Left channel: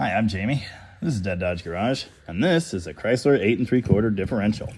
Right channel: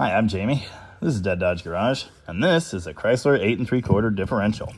Hi, I'm Jamie. This is Dead Dodge Garage, and this is a Chrysler 8 3/4 differential.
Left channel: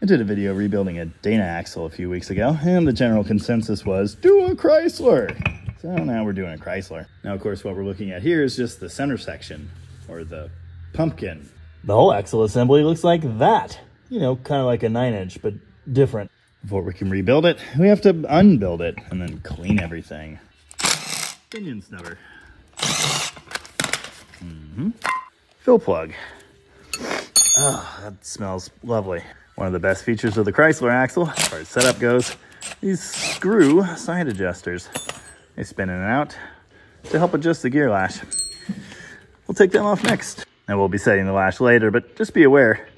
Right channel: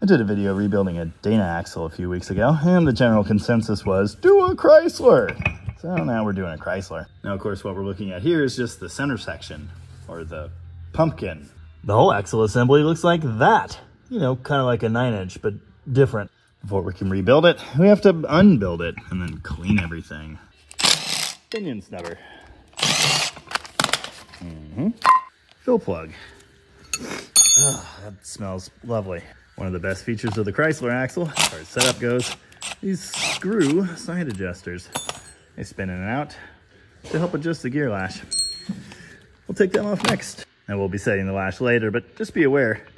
I did a video rebuilding a Dana axle a few weeks ago, and the general consensus was, do a Chrysler! So now we're doing a Chrysler. Now, of course, what we're looking at here is just the center section, or the pumpkin. The whole axle assembly looks like that. You know, kind of like a 9-inch, but different. Before we can rebuild it, we have to unbuild it and then clean everything. Pinion snubber. Fill plug. Oh, that smells lovely. One of the best features of the Chrysler axle, as far as setup goes, these screw side adjusters. They spin in and out to help adjust the gear lash. We'll take them off next. And we'll be setting the lash later, but just be aware,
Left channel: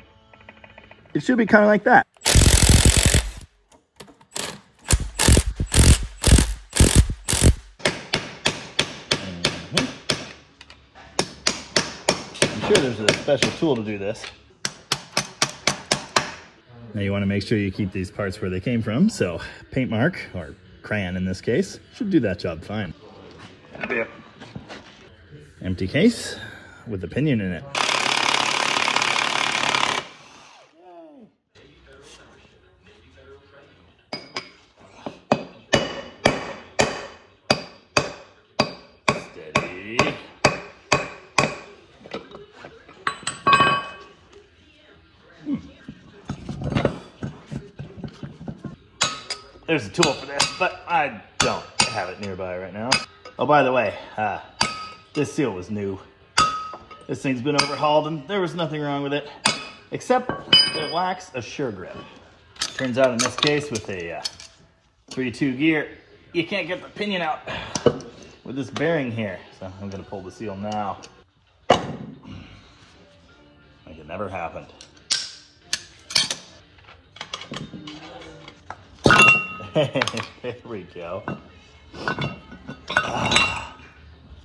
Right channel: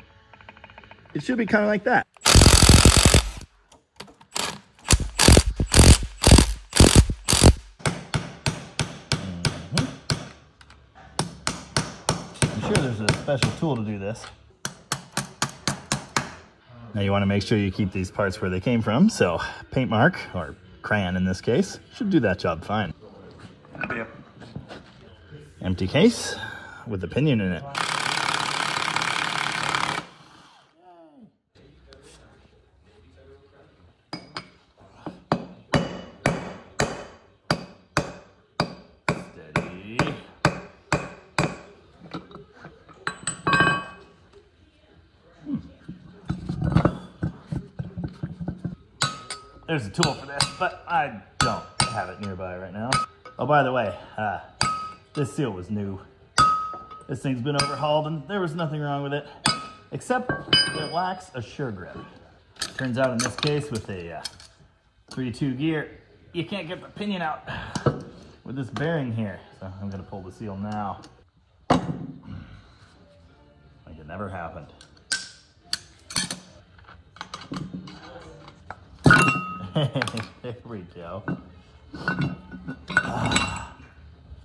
it should be kind of like that. I'm sure there's a special tool to do this. Now you want to make sure you keep these parts where they came from, so paint mark, or crayon in this case, should do that job fine. Empty case with the pinion in it. Steady. There's a tool for this, but I don't have it nearby right now. Oh, by the way, this seal was new. This thing's been overhauled and there was nothing wrong with it, except it lacks a Suregrip. Turns out in this case with a 3-2 gear, you can't get the pinion out with this bearing here. So I'm gonna pull the seal now. Like it never happened. There we go.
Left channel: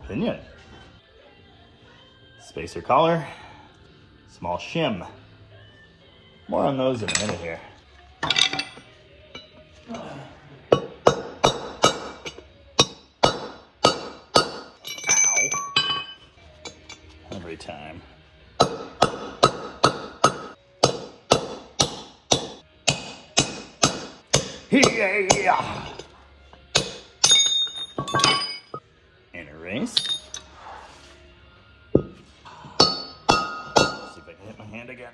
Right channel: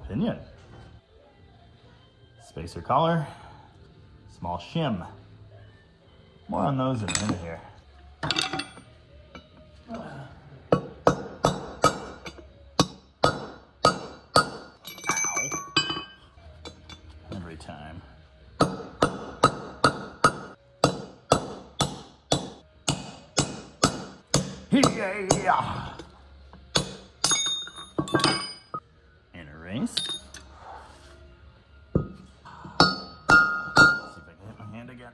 Pinion. Spacer collar. Small shim. More on those in a minute here. Ow. Every time. Yeah. And erase. See if I can hit my hand again.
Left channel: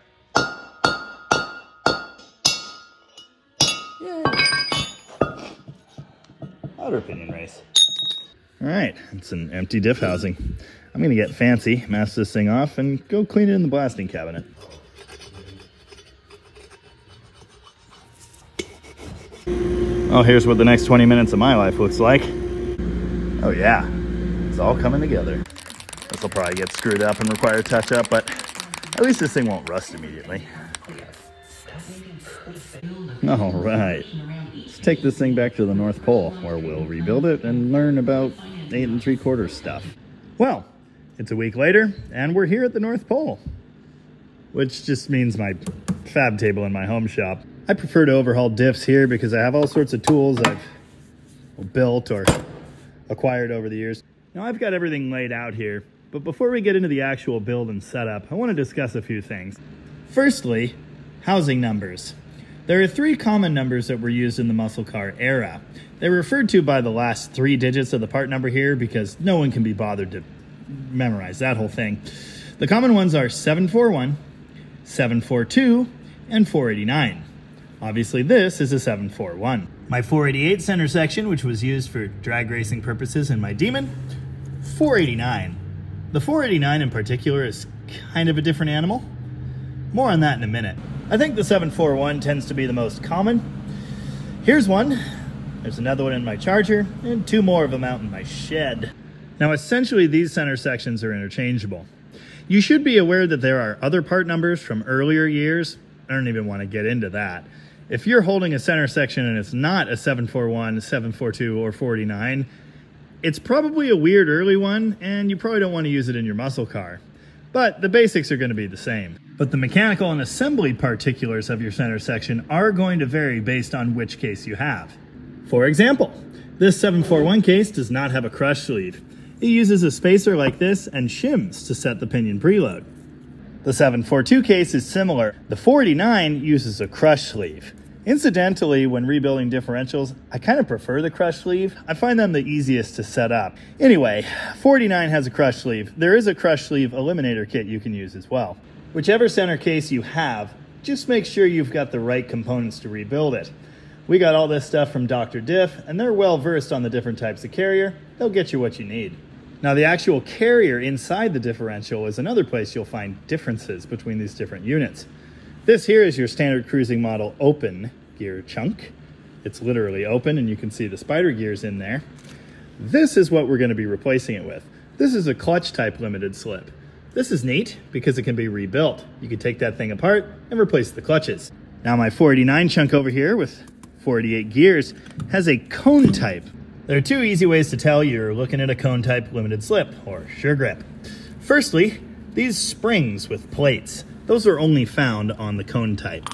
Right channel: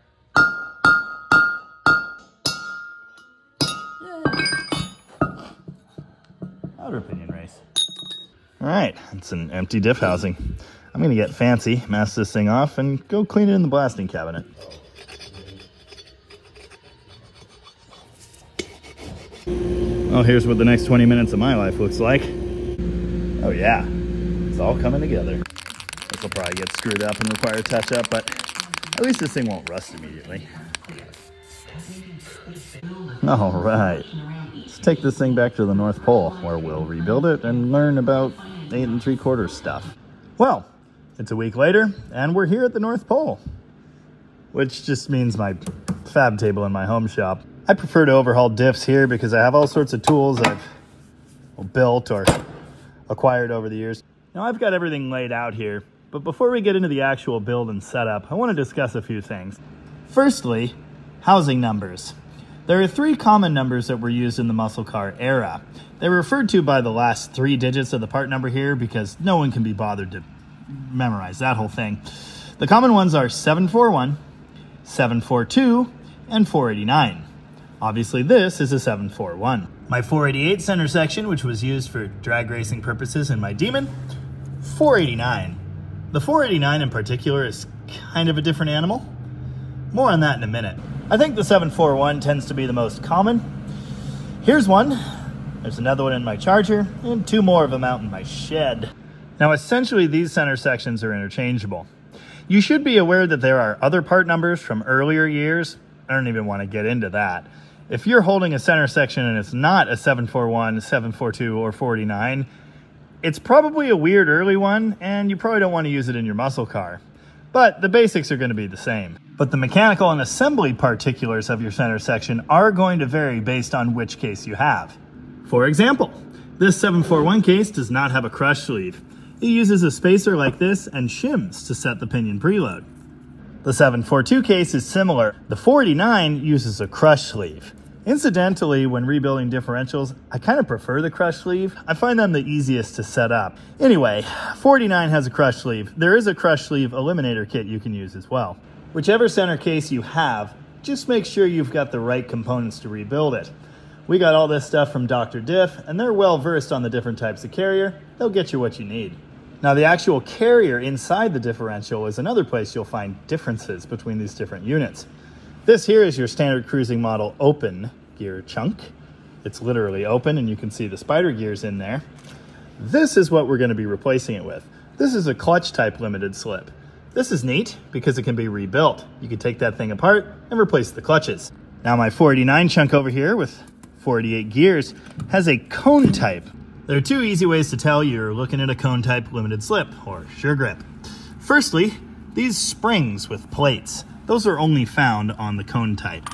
Yay. Outer pinion race. All right, it's an empty diff housing. I'm gonna get fancy, mask this thing off, and go clean it in the blasting cabinet. Oh, here's what the next 20 minutes of my life looks like. Oh yeah, it's all coming together. This will probably get screwed up and require a touch-up, but at least this thing won't rust immediately. All right, let's take this thing back to the North Pole, where we'll rebuild it and learn about 8 3/4 stuff. Well, it's a week later, and we're here at the North Pole, which just means my fab table in my home shop. I prefer to overhaul diffs here because I have all sorts of tools I've built or acquired over the years. Now I've got everything laid out here, but before we get into the actual build and setup, I want to discuss a few things. Firstly, housing numbers. There are 3 common numbers that were used in the muscle car era. They're referred to by the last 3 digits of the part number here because no one can be bothered to memorize that whole thing. The common ones are 741, 742, and 489. Obviously this is a 741. My 488 center section, which was used for drag racing purposes in my Demon, 489. The 489 in particular is kind of a different animal. More on that in a minute. I think the 741 tends to be the most common. Here's one. There's another one in my Charger, and 2 more of them out in my shed. Now essentially these center sections are interchangeable. You should be aware that there are other part numbers from earlier years. I don't even want to get into that. If you're holding a center section and it's not a 741, 742, or 49, it's probably a weird early one, and you probably don't want to use it in your muscle car. but the basics are going to be the same. But the mechanical and assembly particulars of your center section are going to vary based on which case you have. For example, this 741 case does not have a crush sleeve. It uses a spacer like this and shims to set the pinion preload. The 742 case is similar. The 49 uses a crush sleeve. Incidentally, when rebuilding differentials, I kind of prefer the crush sleeve. I find them the easiest to set up. Anyway, 49 has a crush sleeve. There is a crush sleeve eliminator kit you can use as well. Whichever center case you have, just make sure you've got the right components to rebuild it. We got all this stuff from Dr. Diff, and they're well versed on the different types of carrier. They'll get you what you need. Now, the actual carrier inside the differential is another place you'll find differences between these different units. This here is your standard cruising model open gear chunk. It's literally open, and you can see the spider gears in there. This is what we're going to be replacing it with. This is a clutch type limited slip. This is neat because it can be rebuilt. You can take that thing apart and replace the clutches. Now my 49 chunk over here with 48 gears has a cone type. There are two easy ways to tell you're looking at a cone type limited slip or Suregrip. Firstly, these springs with plates, those are only found on the cone type.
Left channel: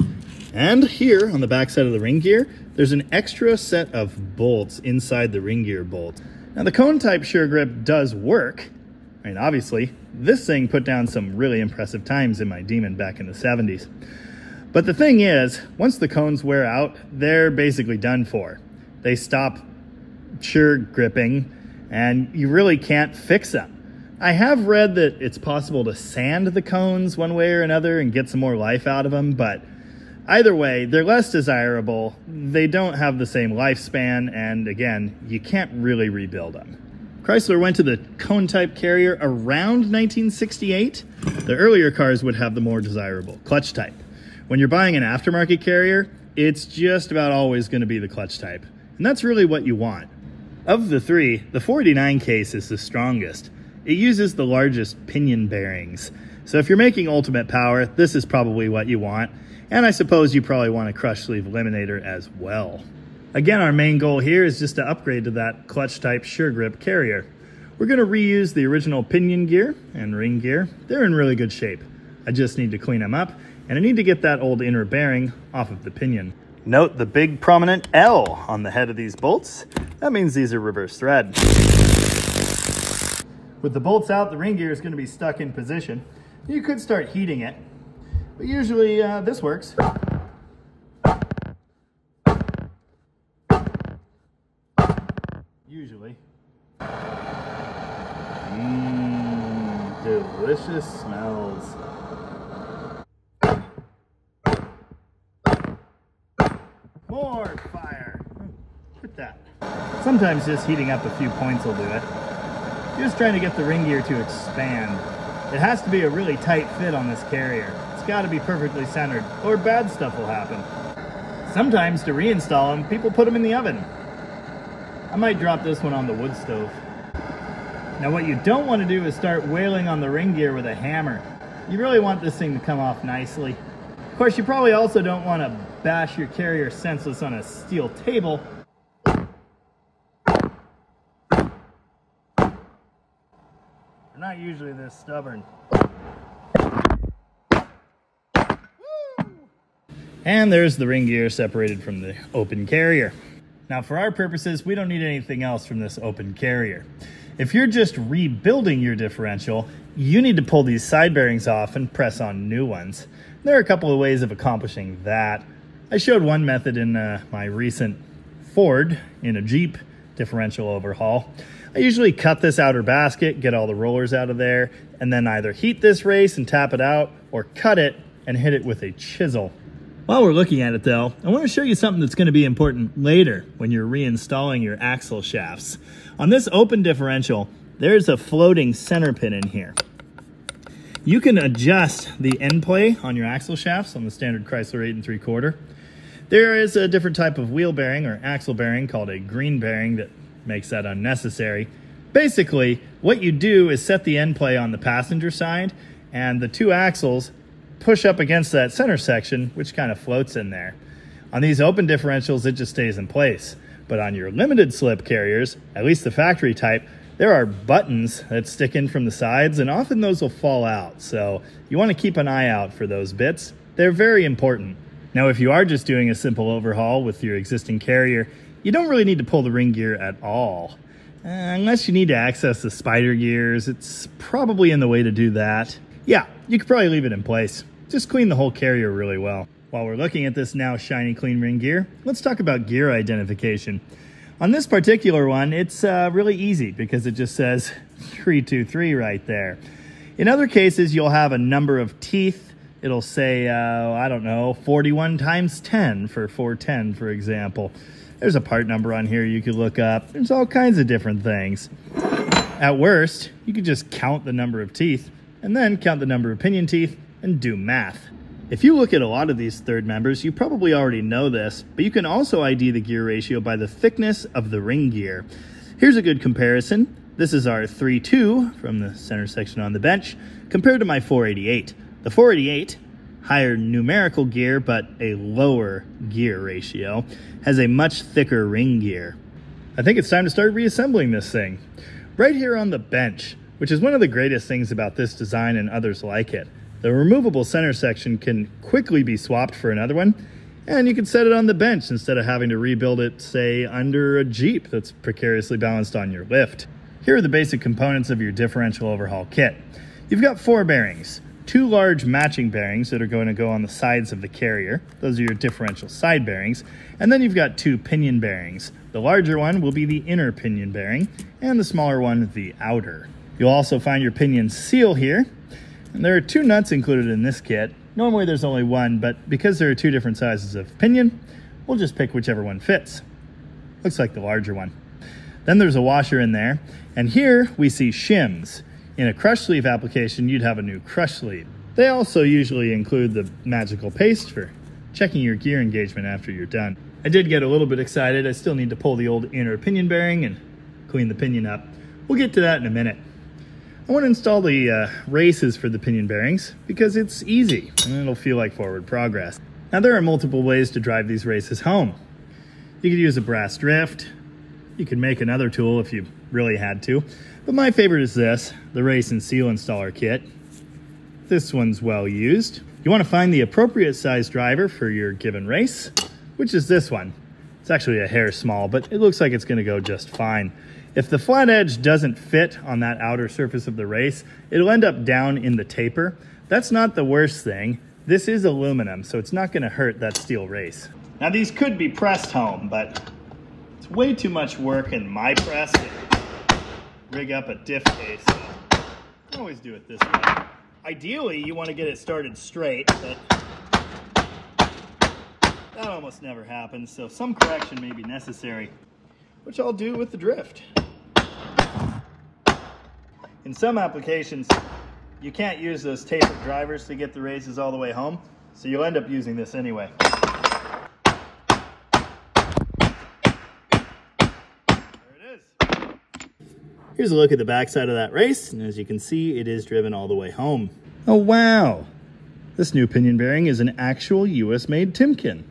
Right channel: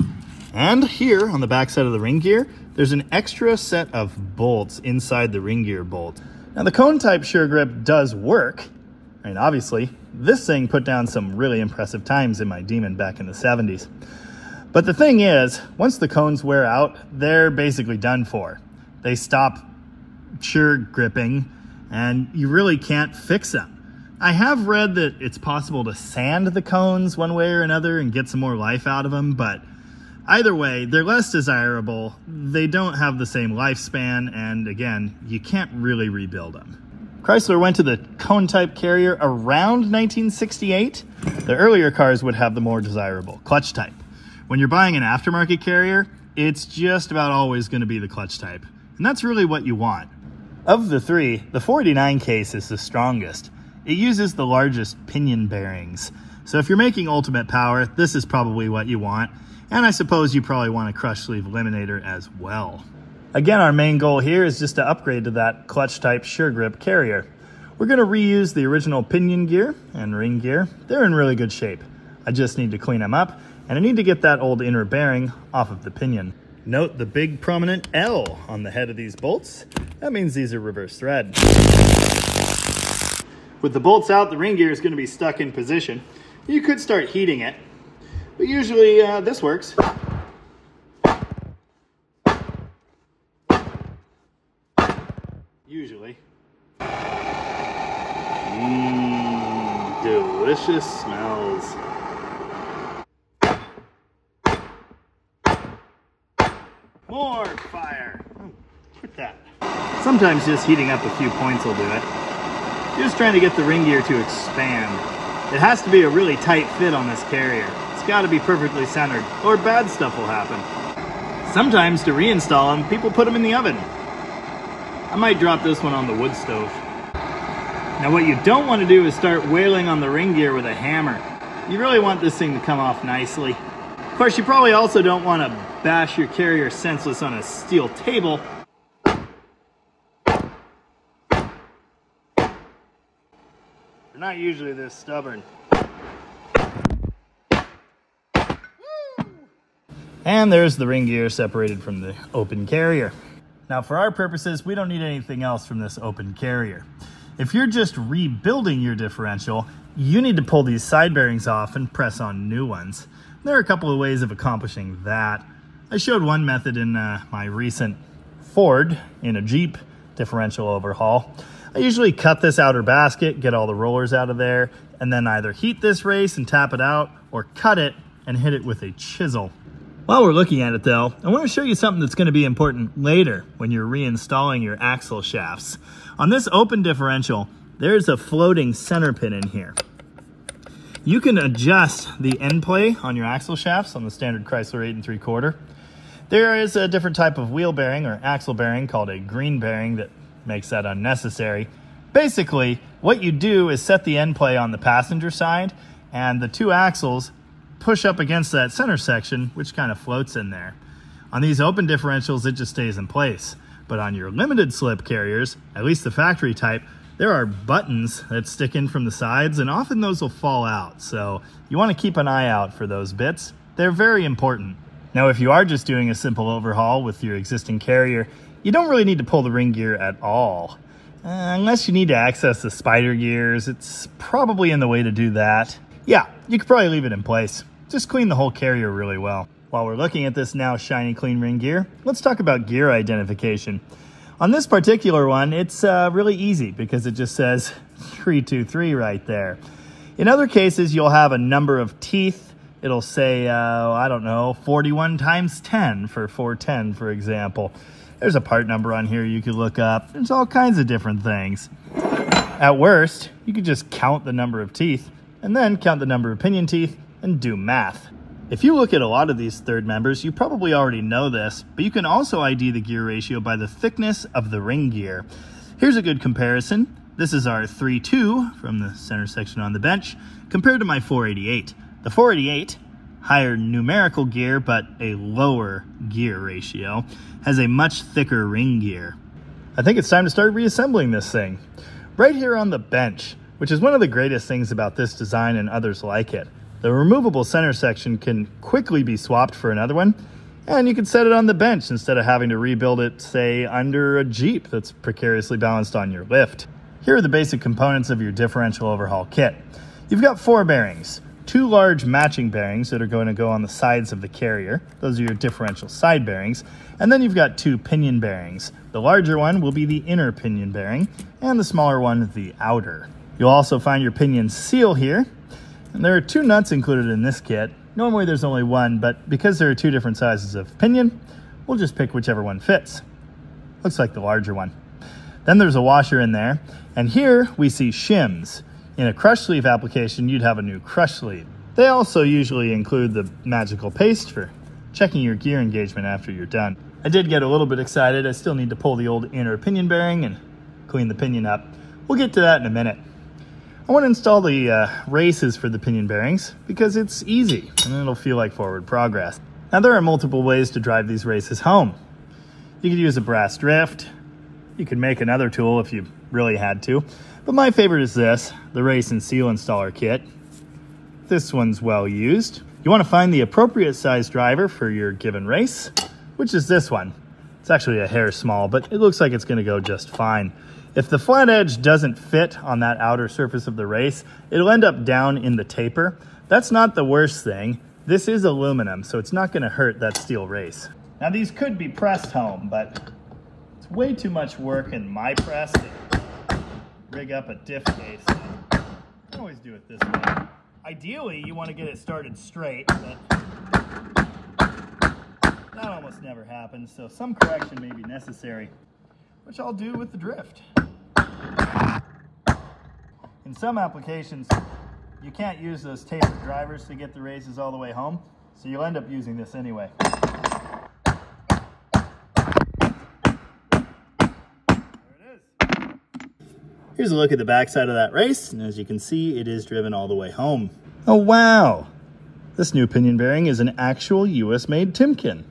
And here on the back side of the ring gear, there's an extra set of bolts inside the ring gear bolt. Now the cone type Suregrip does work. I mean, obviously, this thing put down some really impressive times in my Demon back in the 70s. But the thing is, once the cones wear out, they're basically done for. They stop Suregripping, and you really can't fix them. I have read that it's possible to sand the cones one way or another and get some more life out of them, but either way, they're less desirable. They don't have the same lifespan, and again, you can't really rebuild them. Chrysler went to the cone type carrier around 1968. The earlier cars would have the more desirable clutch type. When you're buying an aftermarket carrier, it's just about always going to be the clutch type. And that's really what you want. Of the three, the 49 case is the strongest. It uses the largest pinion bearings. So if you're making ultimate power, this is probably what you want. And I suppose you probably want a crush sleeve eliminator as well. Again, our main goal here is just to upgrade to that clutch type Suregrip carrier. We're going to reuse the original pinion gear and ring gear. They're in really good shape. I just need to clean them up, and I need to get that old inner bearing off of the pinion. Note the big prominent L on the head of these bolts. That means these are reverse thread. With the bolts out, the ring gear is going to be stuck in position. You could start heating it, but usually this works. Usually. Delicious smells. More fire. Oh, quit that. Sometimes just heating up a few points will do it. You're just trying to get the ring gear to expand. It has to be a really tight fit on this carrier. It's got to be perfectly centered, or bad stuff will happen. Sometimes to reinstall them, people put them in the oven. I might drop this one on the wood stove. Now what you don't want to do is start wailing on the ring gear with a hammer. You really want this thing to come off nicely. Of course, you probably also don't want to bash your carrier senseless on a steel table. They're not usually this stubborn. And there's the ring gear separated from the open carrier. Now for our purposes, we don't need anything else from this open carrier. If you're just rebuilding your differential, you need to pull these side bearings off and press on new ones. There are a couple of ways of accomplishing that. I showed one method in my recent Ford in a Jeep differential overhaul. I usually cut this outer basket, get all the rollers out of there, and then either heat this race and tap it out, or cut it and hit it with a chisel. While we're looking at it though, I want to show you something that's going to be important later when you're reinstalling your axle shafts. On this open differential, there's a floating center pin in here. You can adjust the end play on your axle shafts on the standard Chrysler 8 3/4. There is a different type of wheel bearing or axle bearing called a green bearing that makes that unnecessary. Basically, what you do is set the end play on the passenger side, and the two axles push up against that center section, which kind of floats in there. On these open differentials, it just stays in place. But on your limited slip carriers, at least the factory type, There are buttons that stick in from the sides, and often those will fall out, so you want to keep an eye out for those bits. They're very important. Now, if you are just doing a simple overhaul with your existing carrier, you don't really need to pull the ring gear at all. Unless you need to access the spider gears, it's probably in the way to do that. Yeah, you could probably leave it in place. Just clean the whole carrier really well. While we're looking at this now shiny clean ring gear, let's talk about gear identification. On this particular one, it's really easy because it just says 323 right there. In other cases, you'll have a number of teeth. It'll say, I don't know, 41 times 10 for 410, for example. There's a part number on here you could look up. There's all kinds of different things. At worst, you could just count the number of teeth and then count the number of pinion teeth and do math. If you look at a lot of these third members, you probably already know this, but you can also ID the gear ratio by the thickness of the ring gear. Here's a good comparison. This is our 3.2 from the center section on the bench compared to my 488. The 488, higher numerical gear but a lower gear ratio, has a much thicker ring gear. I think it's time to start reassembling this thing. Right here on the bench, which is one of the greatest things about this design and others like it. The removable center section can quickly be swapped for another one, and you can set it on the bench instead of having to rebuild it, say, under a Jeep that's precariously balanced on your lift. Here are the basic components of your differential overhaul kit. You've got 4 bearings, 2 large matching bearings that are going to go on the sides of the carrier. Those are your differential side bearings. And then you've got 2 pinion bearings. The larger one will be the inner pinion bearing, and the smaller one, the outer. You'll also find your pinion seal here. And there are 2 nuts included in this kit. Normally there's only one, but because there are 2 different sizes of pinion, we'll just pick whichever one fits. Looks like the larger one. Then there's a washer in there, and here we see shims. In a crush sleeve application, you'd have a new crush sleeve. They also usually include the magical paste for checking your gear engagement after you're done. I did get a little bit excited. I still need to pull the old inner pinion bearing and clean the pinion up. We'll get to that in a minute. I want to install the races for the pinion bearings because it's easy and it'll feel like forward progress. Now there are multiple ways to drive these races home. You could use a brass drift. You could make another tool if you really had to. But my favorite is this, the race and seal installer kit. This one's well used. You want to find the appropriate size driver for your given race, which is this one. It's actually a hair small, but it looks like it's going to go just fine. If the flat edge doesn't fit on that outer surface of the race, it'll end up down in the taper. That's not the worst thing. This is aluminum, so it's not going to hurt that steel race. Now these could be pressed home, but it's way too much work in my press to rig up a diff case. So I always do it this way. Ideally, you want to get it started straight, but that almost never happens, so some correction may be necessary, which I'll do with the drift. In some applications, you can't use those tapered drivers to get the races all the way home, so you'll end up using this anyway. There it is. Here's a look at the backside of that race, and as you can see, it is driven all the way home. Oh wow! This new pinion bearing is an actual US-made Timken.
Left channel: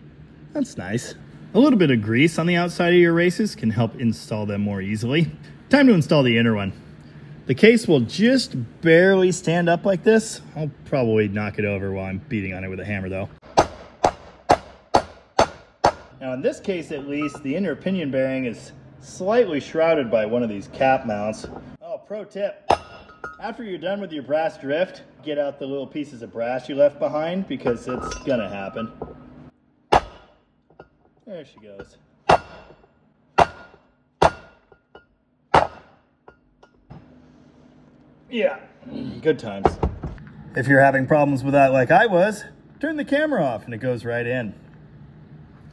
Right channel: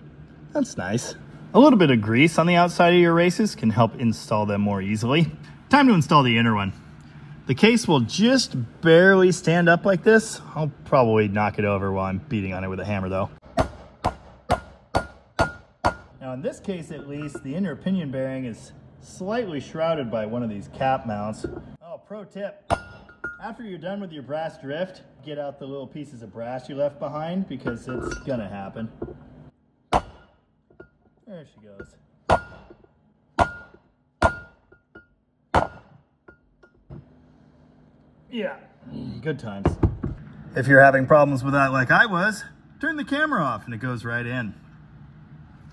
That's nice. A little bit of grease on the outside of your races can help install them more easily. Time to install the inner one. The case will just barely stand up like this. I'll probably knock it over while I'm beating on it with a hammer though. Now in this case at least, the inner pinion bearing is slightly shrouded by one of these cap mounts. Oh, pro tip. After you're done with your brass drift, get out the little pieces of brass you left behind because it's gonna happen. There she goes. Yeah, good times. If you're having problems with that like I was, turn the camera off and it goes right in.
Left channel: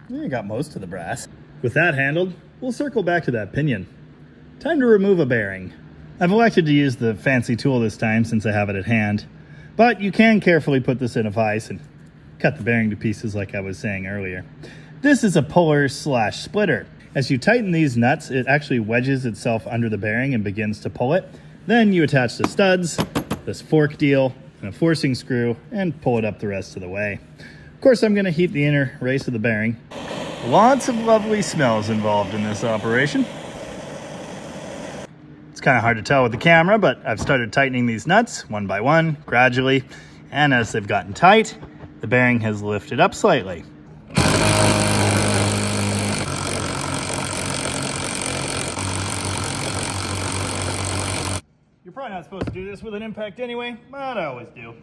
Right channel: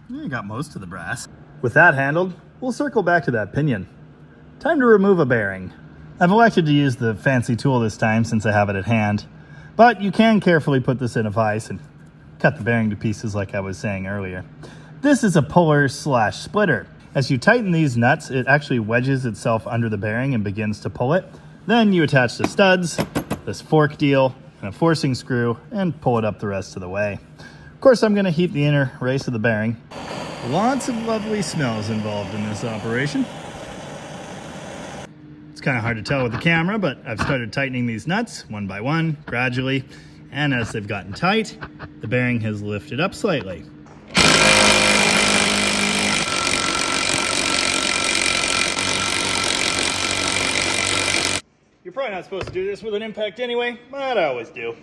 You got most of the brass. With that handled, we'll circle back to that pinion. Time to remove a bearing. I've elected to use the fancy tool this time since I have it at hand, but you can carefully put this in a vise and cut the bearing to pieces like I was saying earlier. This is a puller/splitter. As you tighten these nuts, it actually wedges itself under the bearing and begins to pull it. Then you attach the studs, this fork deal, and a forcing screw, and pull it up the rest of the way. Of course, I'm gonna heat the inner race of the bearing. Lots of lovely smells involved in this operation. It's kind of hard to tell with the camera, but I've started tightening these nuts one by one, gradually, and as they've gotten tight, the bearing has lifted up slightly. You're probably not supposed to do this with an impact anyway, but I always do.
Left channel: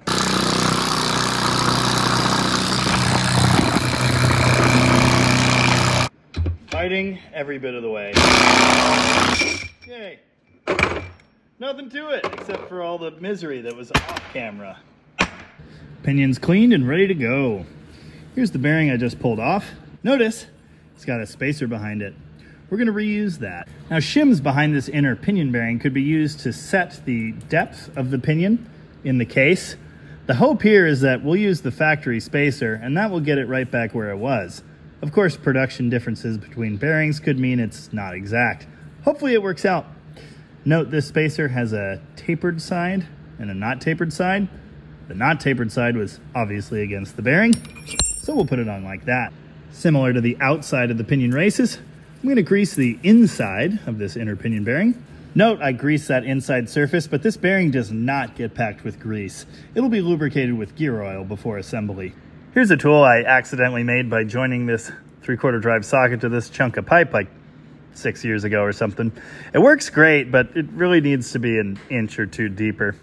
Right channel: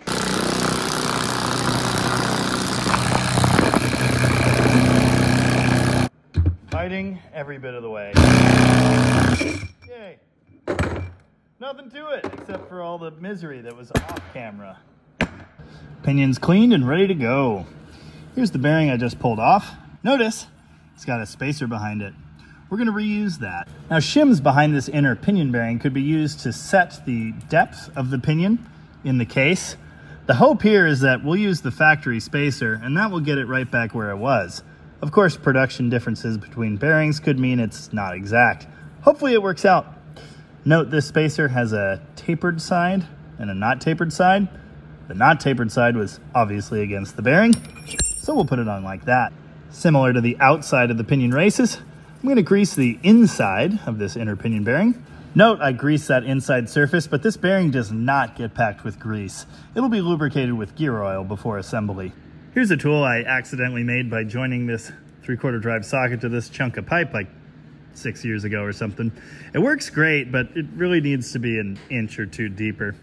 Fighting every bit of the way. Yay. Nothing to it except for all the misery that was off camera. Pinion's cleaned and ready to go. Here's the bearing I just pulled off. Notice it's got a spacer behind it. We're going to reuse that. Now, shims behind this inner pinion bearing could be used to set the depth of the pinion in the case. The hope here is that we'll use the factory spacer and that will get it right back where it was. Of course, production differences between bearings could mean it's not exact. Hopefully it works out. Note this spacer has a tapered side and a not tapered side. The not tapered side was obviously against the bearing, so we'll put it on like that. Similar to the outside of the pinion races, I'm going to grease the inside of this inner pinion bearing. Note I greased that inside surface, but this bearing does not get packed with grease. It'll be lubricated with gear oil before assembly. Here's a tool I accidentally made by joining this 3/4 drive socket to this chunk of pipe like 6 years ago or something. It works great, but it really needs to be an inch or two deeper.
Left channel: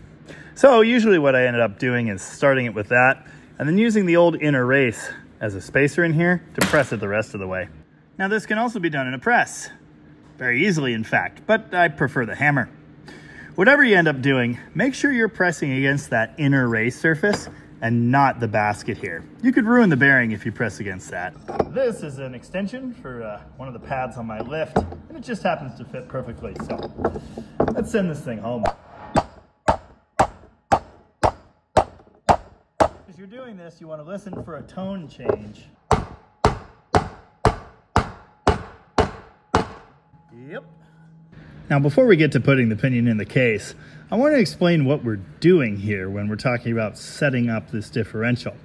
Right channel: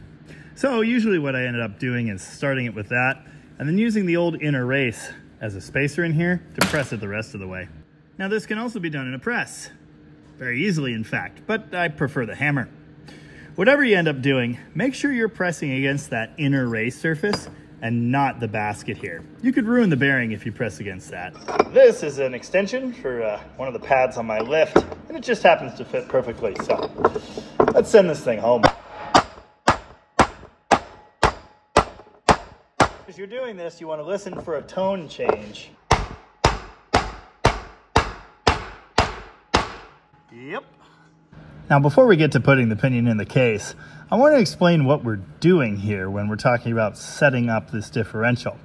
So usually what I ended up doing is starting it with that and then using the old inner race as a spacer in here to press it the rest of the way. Now this can also be done in a press. Very easily, in fact, but I prefer the hammer. Whatever you end up doing, make sure you're pressing against that inner race surface and not the basket here. You could ruin the bearing if you press against that. This is an extension for one of the pads on my lift, and it just happens to fit perfectly. So let's send this thing home. As you're doing this, you want to listen for a tone change. Yep. Now, before we get to putting the pinion in the case, I want to explain what we're doing here when we're talking about setting up this differential,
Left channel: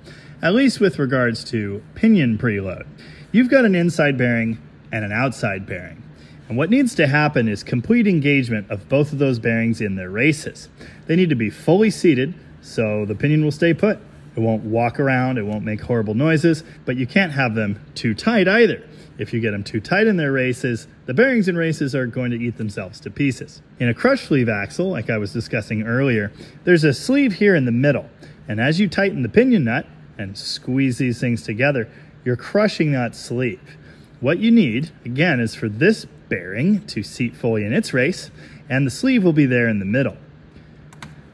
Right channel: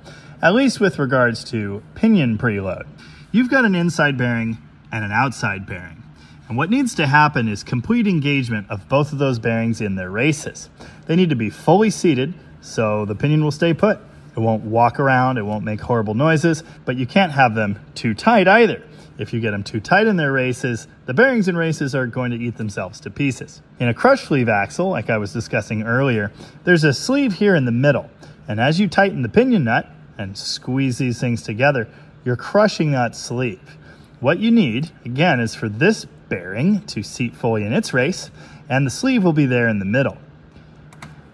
at least with regards to pinion preload. You've got an inside bearing and an outside bearing, and what needs to happen is complete engagement of both of those bearings in their races. They need to be fully seated so the pinion will stay put. It won't walk around, it won't make horrible noises, but you can't have them too tight either. If you get them too tight in their races, the bearings and races are going to eat themselves to pieces. In a crush sleeve axle, like I was discussing earlier, there's a sleeve here in the middle. And as you tighten the pinion nut and squeeze these things together, you're crushing that sleeve. What you need, again, is for this bearing to seat fully in its race, and the sleeve will be there in the middle.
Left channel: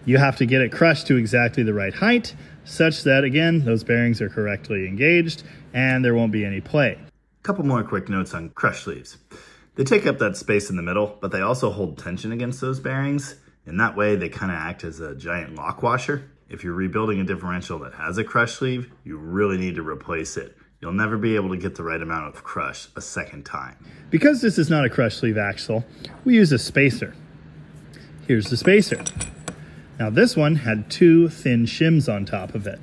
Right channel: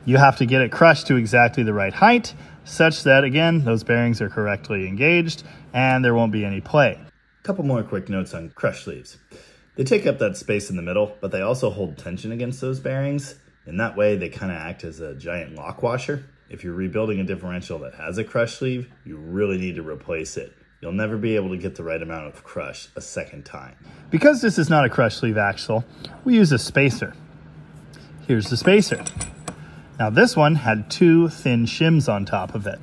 You have to get it crushed to exactly the right height, such that, again, those bearings are correctly engaged and there won't be any play. Couple more quick notes on crush sleeves. They take up that space in the middle, but they also hold tension against those bearings. In that way, they kind of act as a giant lock washer. If you're rebuilding a differential that has a crush sleeve, you really need to replace it. You'll never be able to get the right amount of crush a second time. Because this is not a crush sleeve axle, we use a spacer. Here's the spacer. Now this one had 2 thin shims on top of it.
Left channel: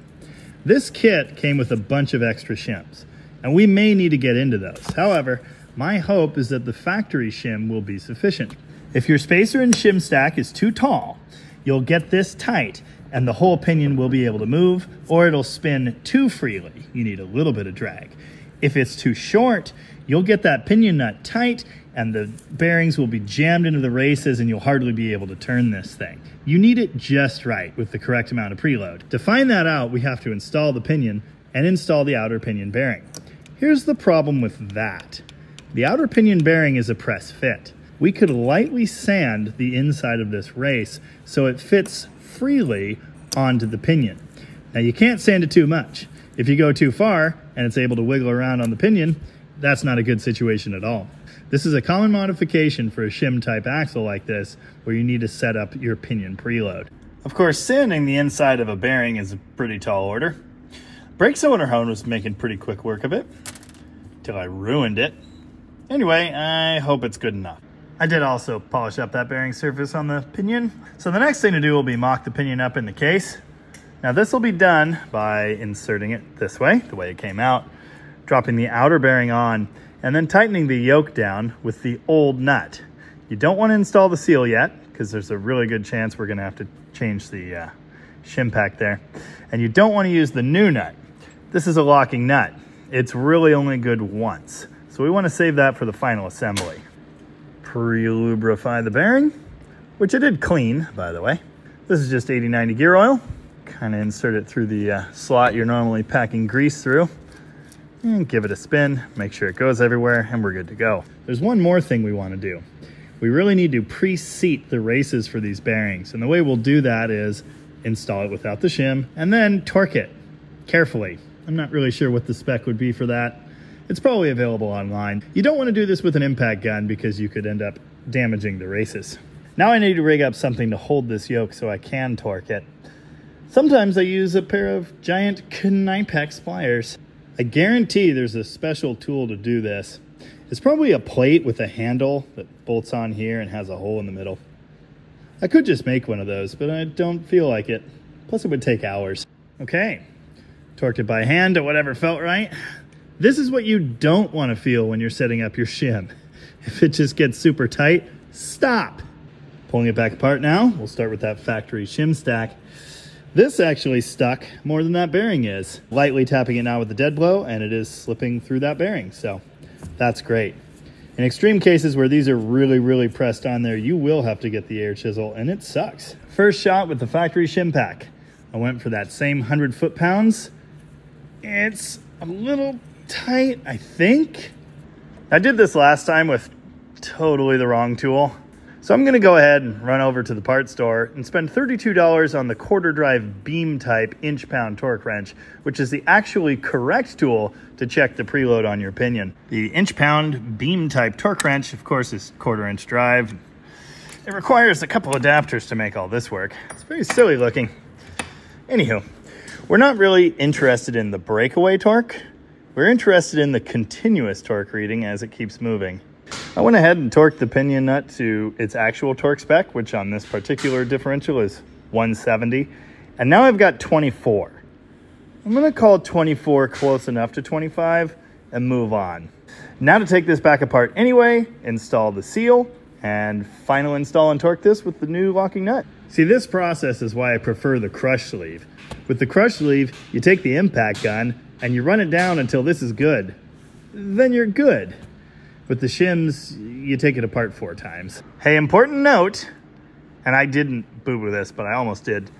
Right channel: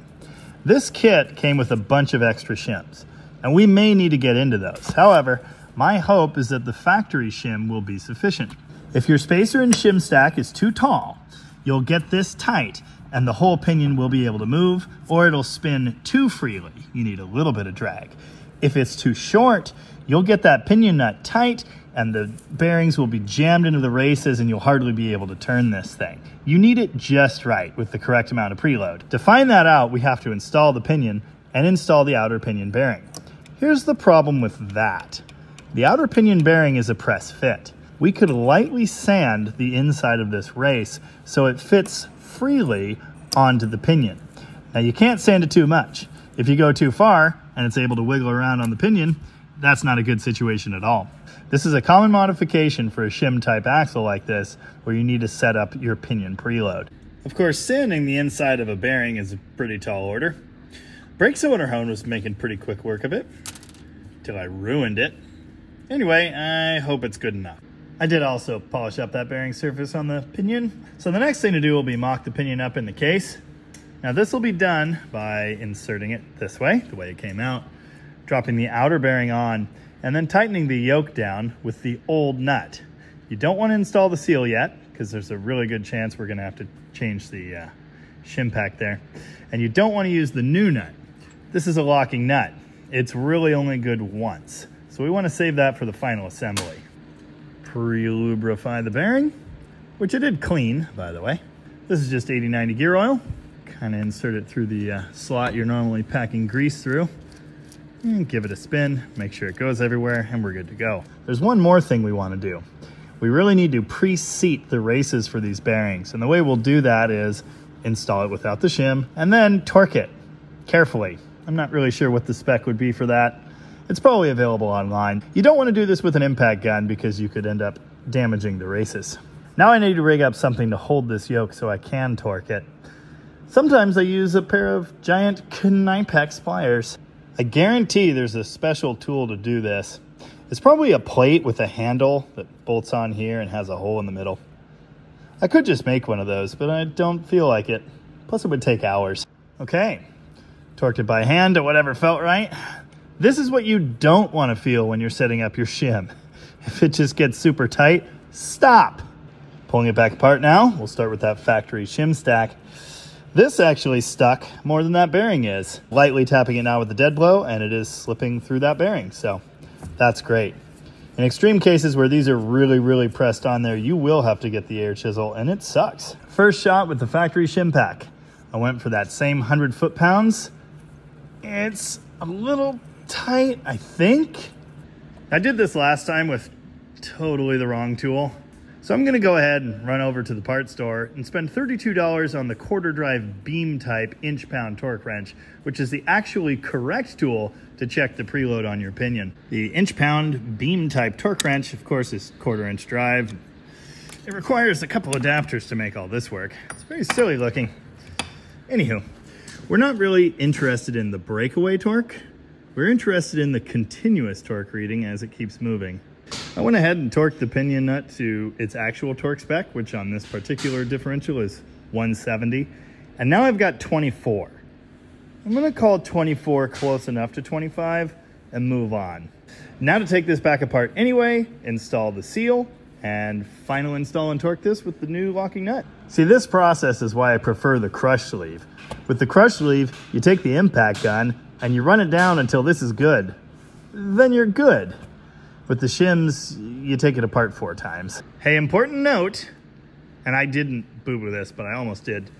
This kit came with a bunch of extra shims, and we may need to get into those. However, my hope is that the factory shim will be sufficient. If your spacer and shim stack is too tall, you'll get this tight and the whole pinion will be able to move, or it'll spin too freely. You need a little bit of drag. If it's too short, you'll get that pinion nut tight and the bearings will be jammed into the races and you'll hardly be able to turn this thing. You need it just right with the correct amount of preload. To find that out, we have to install the pinion and install the outer pinion bearing. Here's the problem with that. The outer pinion bearing is a press fit. We could lightly sand the inside of this race so it fits freely onto the pinion. Now you can't sand it too much. If you go too far and it's able to wiggle around on the pinion, that's not a good situation at all. This is a common modification for a shim type axle like this, where you need to set up your pinion preload. Of course, sanding the inside of a bearing is a pretty tall order. Brake cylinder hone was making pretty quick work of it, till I ruined it. Anyway, I hope it's good enough. I did also polish up that bearing surface on the pinion. So the next thing to do will be mock the pinion up in the case. Now this will be done by inserting it this way, the way it came out, dropping the outer bearing on, and then tightening the yoke down with the old nut. You don't want to install the seal yet, because there's a really good chance we're gonna have to change the shim pack there. And you don't want to use the new nut. This is a locking nut. It's really only good once. So we want to save that for the final assembly. Pre-lubrify the bearing, which I did clean, by the way. This is just 80-90 gear oil. Kind of insert it through the slot you're normally packing grease through. And give it a spin, make sure it goes everywhere, and we're good to go. There's one more thing we want to do. We really need to pre-seat the races for these bearings. And the way we'll do that is install it without the shim, and then torque it carefully. I'm not really sure what the spec would be for that. It's probably available online. You don't want to do this with an impact gun because you could end up damaging the races. Now I need to rig up something to hold this yoke so I can torque it. Sometimes I use a pair of giant Knipex pliers. I guarantee there's a special tool to do this. It's probably a plate with a handle that bolts on here and has a hole in the middle. I could just make one of those, but I don't feel like it. Plus it would take hours. Okay, torqued it by hand to whatever felt right. This is what you don't want to feel when you're setting up your shim. If it just gets super tight, stop. Pulling it back apart now, we'll start with that factory shim stack. This actually stuck more than that bearing is. Lightly tapping it now with the dead blow, and it is slipping through that bearing, so that's great. In extreme cases where these are really pressed on there, you will have to get the air chisel, and it sucks. First shot with the factory shim pack. I went for that same 100 foot-pounds. It's a little tight, I think. I did this last time with totally the wrong tool. So I'm gonna go ahead and run over to the parts store and spend $32 on the quarter drive beam type inch-pound torque wrench, which is the actually correct tool to check the preload on your pinion. The inch-pound beam type torque wrench, of course, is quarter-inch drive. It requires a couple adapters to make all this work. It's pretty silly looking. Anywho, we're not really interested in the breakaway torque. We're interested in the continuous torque reading as it keeps moving. I went ahead and torqued the pinion nut to its actual torque spec, which on this particular differential is 170. And now I've got 24. I'm gonna call 24 close enough to 25 and move on. Now to take this back apart anyway, install the seal, and final install and torque this with the new locking nut. See, this process is why I prefer the crush sleeve. With the crush sleeve, you take the impact gun and you run it down until this is good. Then you're good. With the shims, you take it apart 4 times. Hey, important note, and I didn't boo-boo this, but I almost did.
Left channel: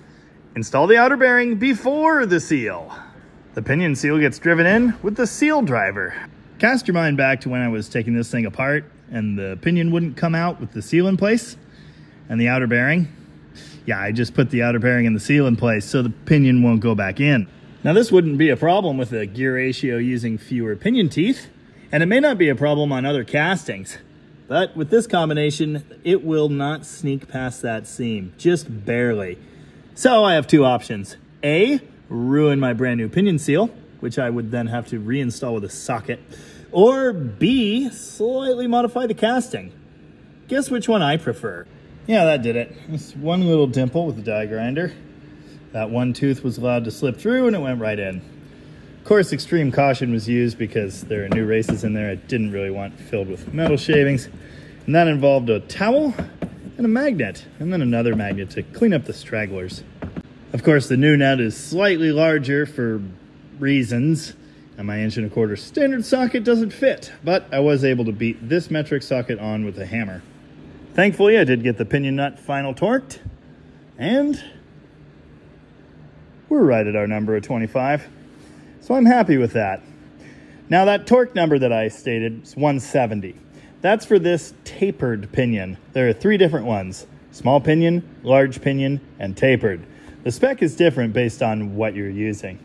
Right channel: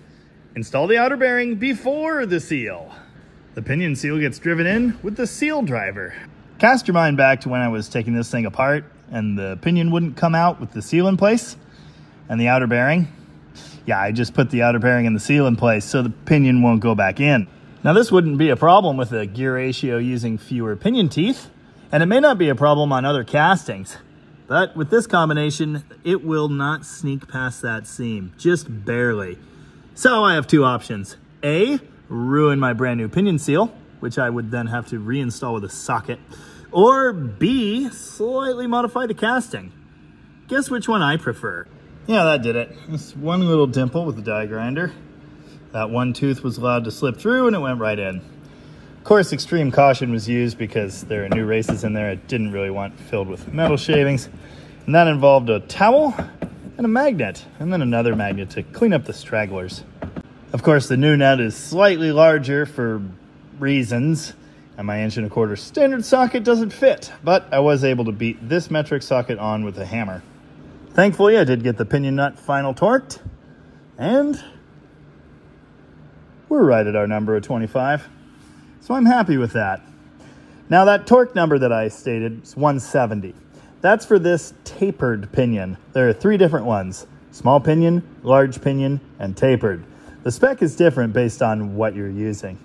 Install the outer bearing before the seal. The pinion seal gets driven in with the seal driver. Cast your mind back to when I was taking this thing apart and the pinion wouldn't come out with the seal in place and the outer bearing. Yeah, I just put the outer bearing and the seal in place so the pinion won't go back in. Now this wouldn't be a problem with a gear ratio using fewer pinion teeth, and it may not be a problem on other castings, but with this combination, it will not sneak past that seam, just barely. So I have 2 options. A, ruin my brand new pinion seal, which I would then have to reinstall with a socket, or B, slightly modify the casting. Guess which one I prefer? Yeah, that did it. This one little dimple with the die grinder. That one tooth was allowed to slip through and it went right in. Of course, extreme caution was used because there are new races in there I didn't really want filled with metal shavings. And that involved a towel and a magnet, and then another magnet to clean up the stragglers. Of course, the new nut is slightly larger for reasons, and my 1.25" standard socket doesn't fit, but I was able to beat this metric socket on with a hammer. Thankfully, I did get the pinion nut final torqued, and we're right at our number of 25. So I'm happy with that. Now that torque number that I stated is 170. That's for this tapered pinion. There are 3 different ones: small pinion, large pinion, and tapered. The spec is different based on what you're using.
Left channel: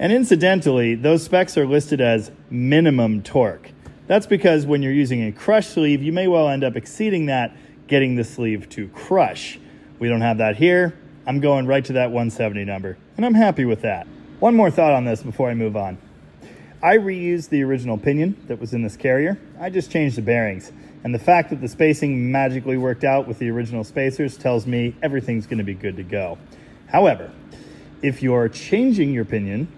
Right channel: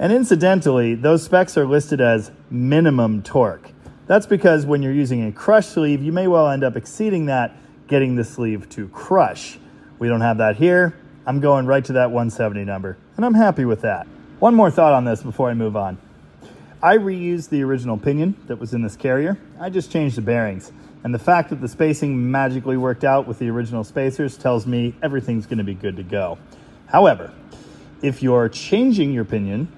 And incidentally, those specs are listed as minimum torque. That's because when you're using a crush sleeve, you may well end up exceeding that, getting the sleeve to crush. We don't have that here. I'm going right to that 170 number, and I'm happy with that. One more thought on this before I move on. I reused the original pinion that was in this carrier. I just changed the bearings. And the fact that the spacing magically worked out with the original spacers tells me everything's gonna be good to go. However, if you're changing your pinion,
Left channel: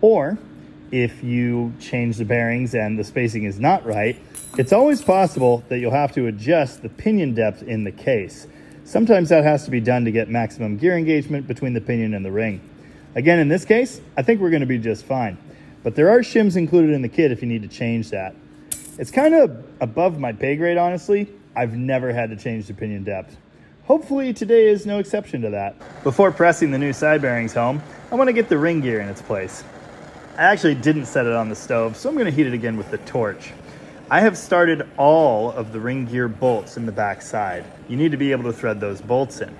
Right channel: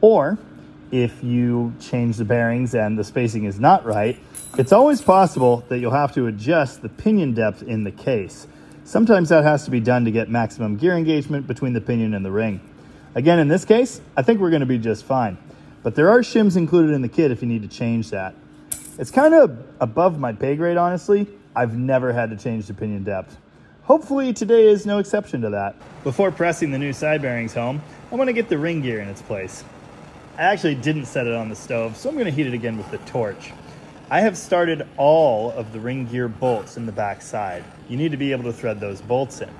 or if you change the bearings and the spacing is not right, it's always possible that you'll have to adjust the pinion depth in the case. Sometimes that has to be done to get maximum gear engagement between the pinion and the ring. Again, in this case, I think we're going to be just fine. But there are shims included in the kit if you need to change that. It's kind of above my pay grade, honestly. I've never had to change the pinion depth. Hopefully today is no exception to that. Before pressing the new side bearings home, I want to get the ring gear in its place. I actually didn't set it on the stove, so I'm going to heat it again with the torch. I have started all of the ring gear bolts in the back side. You need to be able to thread those bolts in.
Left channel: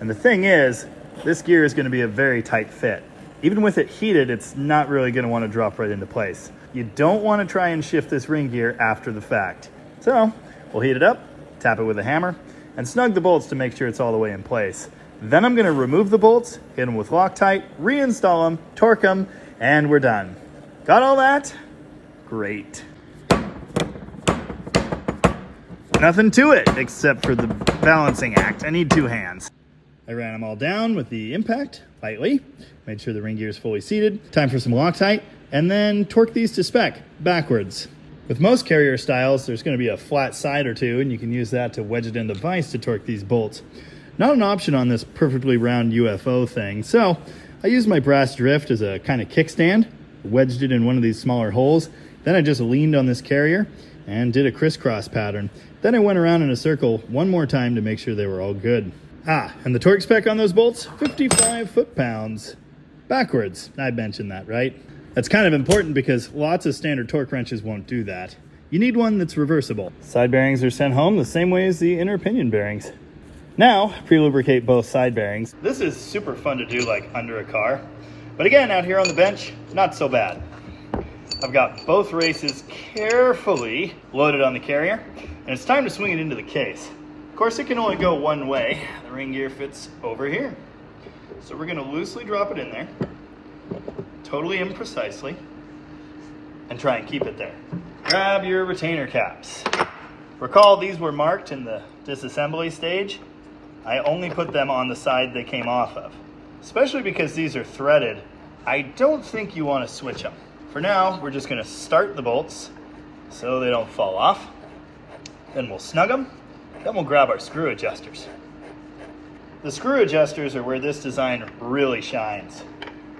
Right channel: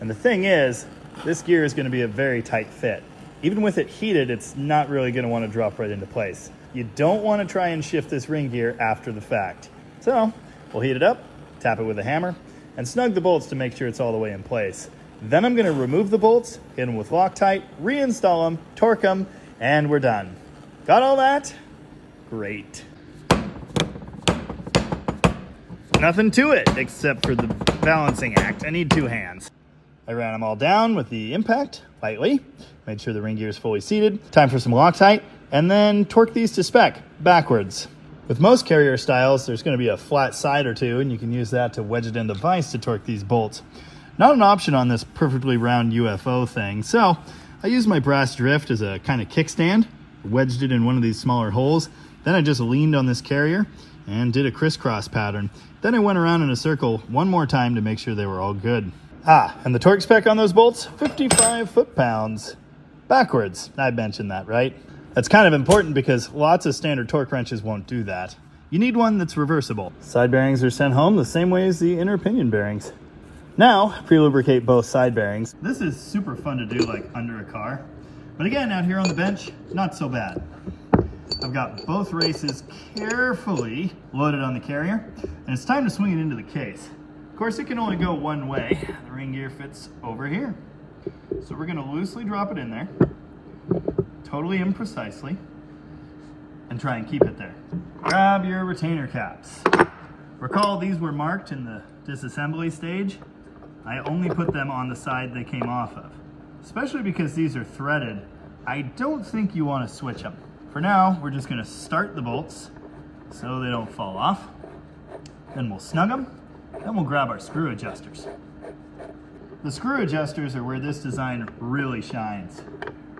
And the thing is, this gear is going to be a very tight fit. Even with it heated, it's not really going to want to drop right into place. You don't want to try and shift this ring gear after the fact. So we'll heat it up, tap it with a hammer, and snug the bolts to make sure it's all the way in place. Then I'm going to remove the bolts, hit them with Loctite, reinstall them, torque them, and we're done. Got all that? Great. Nothing to it except for the balancing act. I need two hands. I ran them all down with the impact lightly, made sure the ring gear is fully seated. Time for some Loctite, and then torque these to spec backwards. With most carrier styles, there's going to be a flat side or two, and you can use that to wedge it in the vise to torque these bolts. Not an option on this perfectly round UFO thing, so I used my brass drift as a kind of kickstand, wedged it in one of these smaller holes. Then I just leaned on this carrier and did a crisscross pattern. Then I went around in a circle one more time to make sure they were all good. And the torque spec on those bolts, 55 foot-pounds. Backwards, I mentioned that, right? That's kind of important because lots of standard torque wrenches won't do that. You need one that's reversible. Side bearings are sent home the same way as the inner pinion bearings. Now, pre-lubricate both side bearings. This is super fun to do like under a car. But again, out here on the bench, not so bad. I've got both races carefully loaded on the carrier, and it's time to swing it into the case. Of course, it can only go one way. The ring gear fits over here. So we're gonna loosely drop it in there, totally imprecisely, and try and keep it there. Grab your retainer caps. Recall these were marked in the disassembly stage. I only put them on the side they came off of. Especially because these are threaded, I don't think you want to switch them. For now, we're just going to start the bolts so they don't fall off. Then we'll snug them. Then we'll grab our screw adjusters. The screw adjusters are where this design really shines.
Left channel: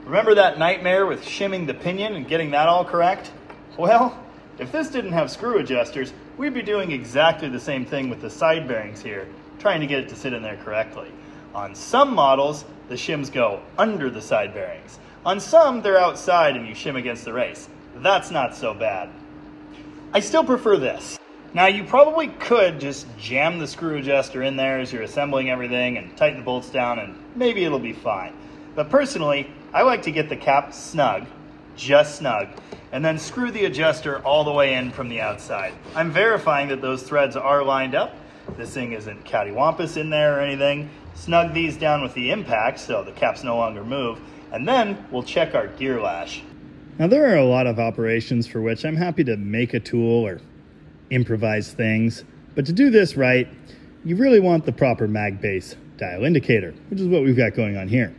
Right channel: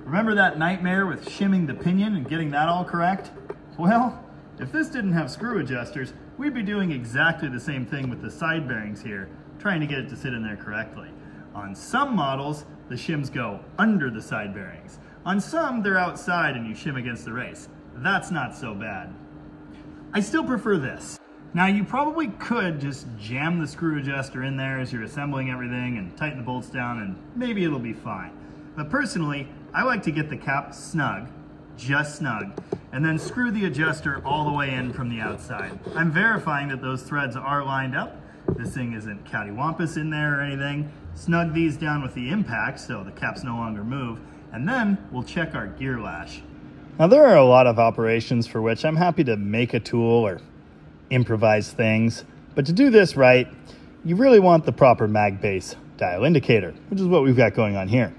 Remember that nightmare with shimming the pinion and getting that all correct? Well, if this didn't have screw adjusters, we'd be doing exactly the same thing with the side bearings here, trying to get it to sit in there correctly. On some models, the shims go under the side bearings. On some, they're outside and you shim against the race. That's not so bad. I still prefer this. Now, you probably could just jam the screw adjuster in there as you're assembling everything and tighten the bolts down and maybe it'll be fine. But personally, I like to get the cap snug, just snug, and then screw the adjuster all the way in from the outside. I'm verifying that those threads are lined up. This thing isn't cattywampus in there or anything. Snug these down with the impact so the caps no longer move, and then we'll check our gear lash. Now, there are a lot of operations for which I'm happy to make a tool or improvise things, but to do this right, you really want the proper mag base dial indicator, which is what we've got going on here.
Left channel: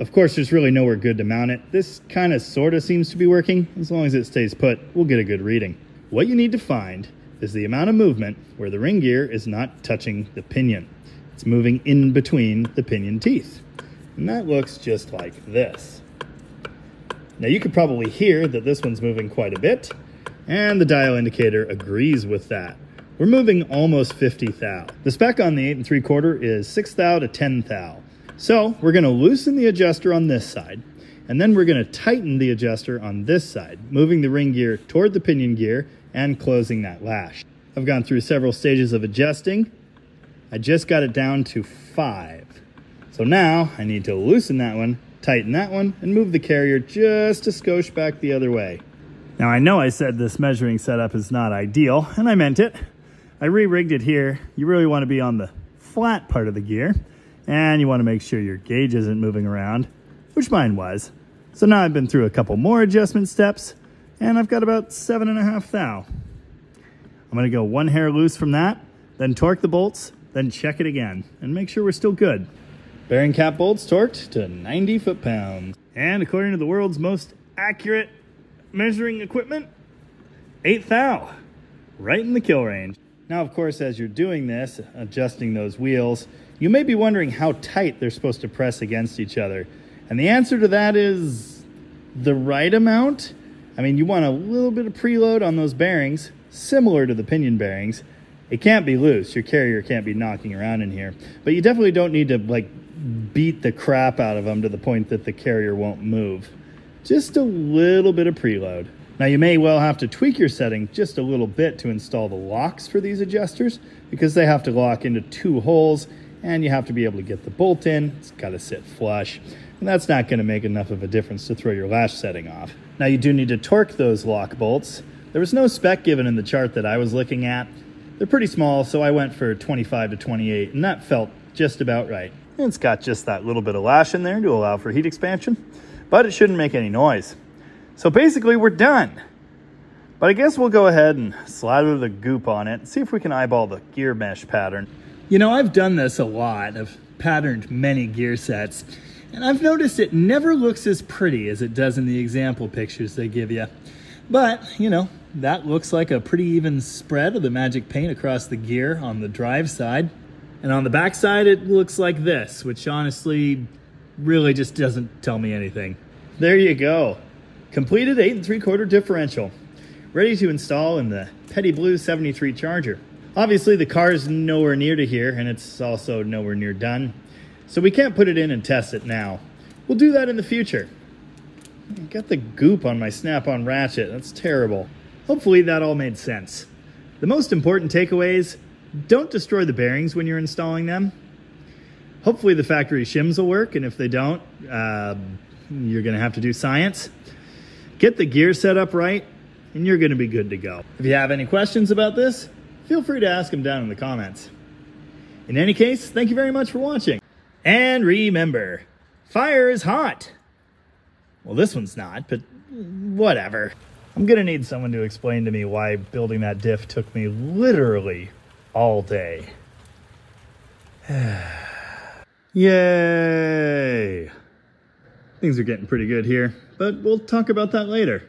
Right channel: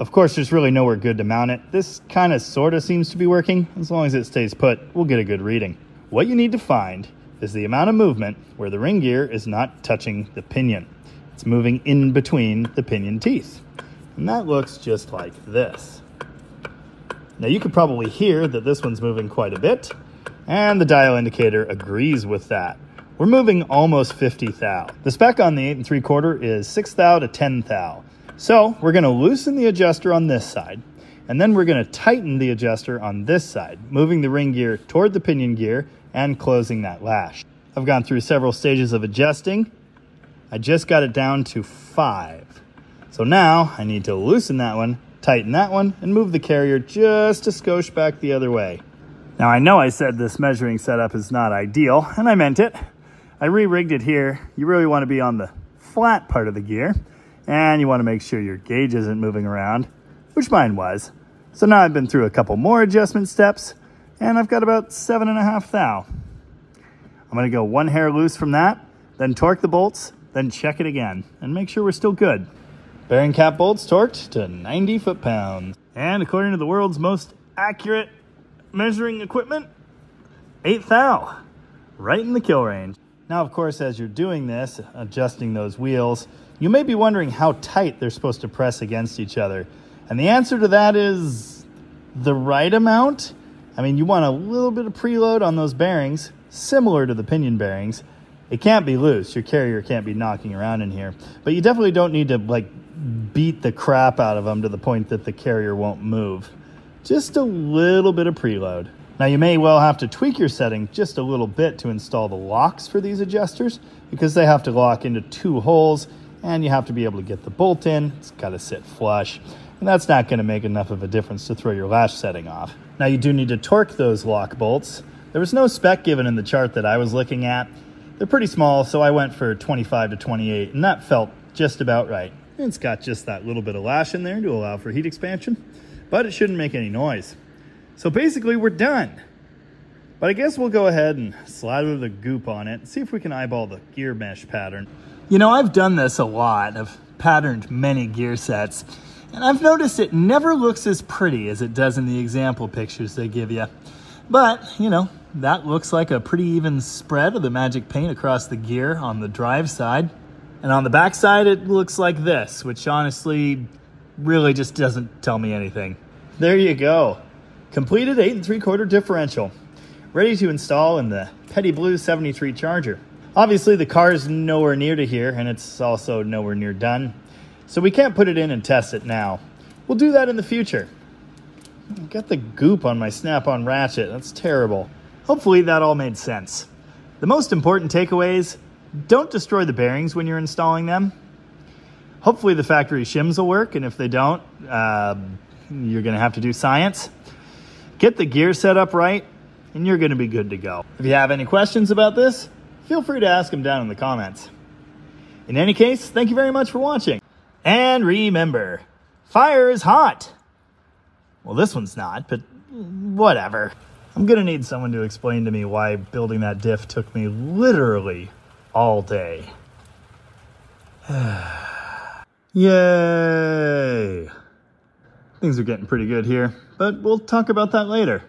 Of course, there's really nowhere good to mount it. This kind of sort of seems to be working. As long as it stays put, we'll get a good reading. What you need to find is the amount of movement where the ring gear is not touching the pinion. It's moving in between the pinion teeth. And that looks just like this. Now you could probably hear that this one's moving quite a bit, and the dial indicator agrees with that. We're moving almost 50 thou. The spec on the 8 3/4 is 6 thou to 10 thou. So we're gonna loosen the adjuster on this side, and then we're gonna tighten the adjuster on this side, moving the ring gear toward the pinion gear and closing that lash. I've gone through several stages of adjusting. I just got it down to 5. So now I need to loosen that one, tighten that one, and move the carrier just a skosh back the other way. Now I know I said this measuring setup is not ideal, and I meant it. I re-rigged it here. You really want to be on the flat part of the gear, and you want to make sure your gauge isn't moving around, which mine was. So now I've been through a couple more adjustment steps, and I've got about 7.5 thou. I'm going to go one hair loose from that, then torque the bolts, then check it again, and make sure we're still good. Bearing cap bolts torqued to 90 foot-pounds. And according to the world's most accurate measuring equipment, 8 thou, right in the kill range. Now, of course, as you're doing this, adjusting those wheels, you may be wondering how tight they're supposed to press against each other. And the answer to that is the right amount. I mean, you want a little bit of preload on those bearings, similar to the pinion bearings. It can't be loose. Your carrier can't be knocking around in here. But you definitely don't need to like beat the crap out of them to the point that the carrier won't move. Just a little bit of preload. Now you may well have to tweak your setting just a little bit to install the locks for these adjusters, because they have to lock into 2 holes and you have to be able to get the bolt in. It's got to sit flush, and that's not going to make enough of a difference to throw your latch setting off. Now you do need to torque those lock bolts. There was no spec given in the chart that I was looking at. They're pretty small, so I went for 25 to 28, and that felt just about right. It's got just that little bit of lash in there to allow for heat expansion, but it shouldn't make any noise. So basically we're done. But I guess we'll go ahead and slather the goop on it and see if we can eyeball the gear mesh pattern. You know, I've done this a lot. I've patterned many gear sets, and I've noticed it never looks as pretty as it does in the example pictures they give you. But, you know, that looks like a pretty even spread of the magic paint across the gear on the drive side. And on the back side, it looks like this, which honestly really just doesn't tell me anything. There you go. Completed 8 3/4 differential. Ready to install in the Petty Blue 73 Charger. Obviously the car is nowhere near to here, and it's also nowhere near done. So we can't put it in and test it now. We'll do that in the future. Got the goop on my snap-on ratchet. That's terrible. Hopefully that all made sense. The most important takeaways: don't destroy the bearings when you're installing them. Hopefully the factory shims will work, and if they don't, you're gonna have to do science. Get the gear set up right, and you're gonna be good to go. If you have any questions about this, feel free to ask them down in the comments. In any case, thank you very much for watching. And remember, fire is hot. Well, this one's not, but whatever. I'm gonna need someone to explain to me why building that diff took me literally all day. Yay! Things are getting pretty good here, but we'll talk about that later.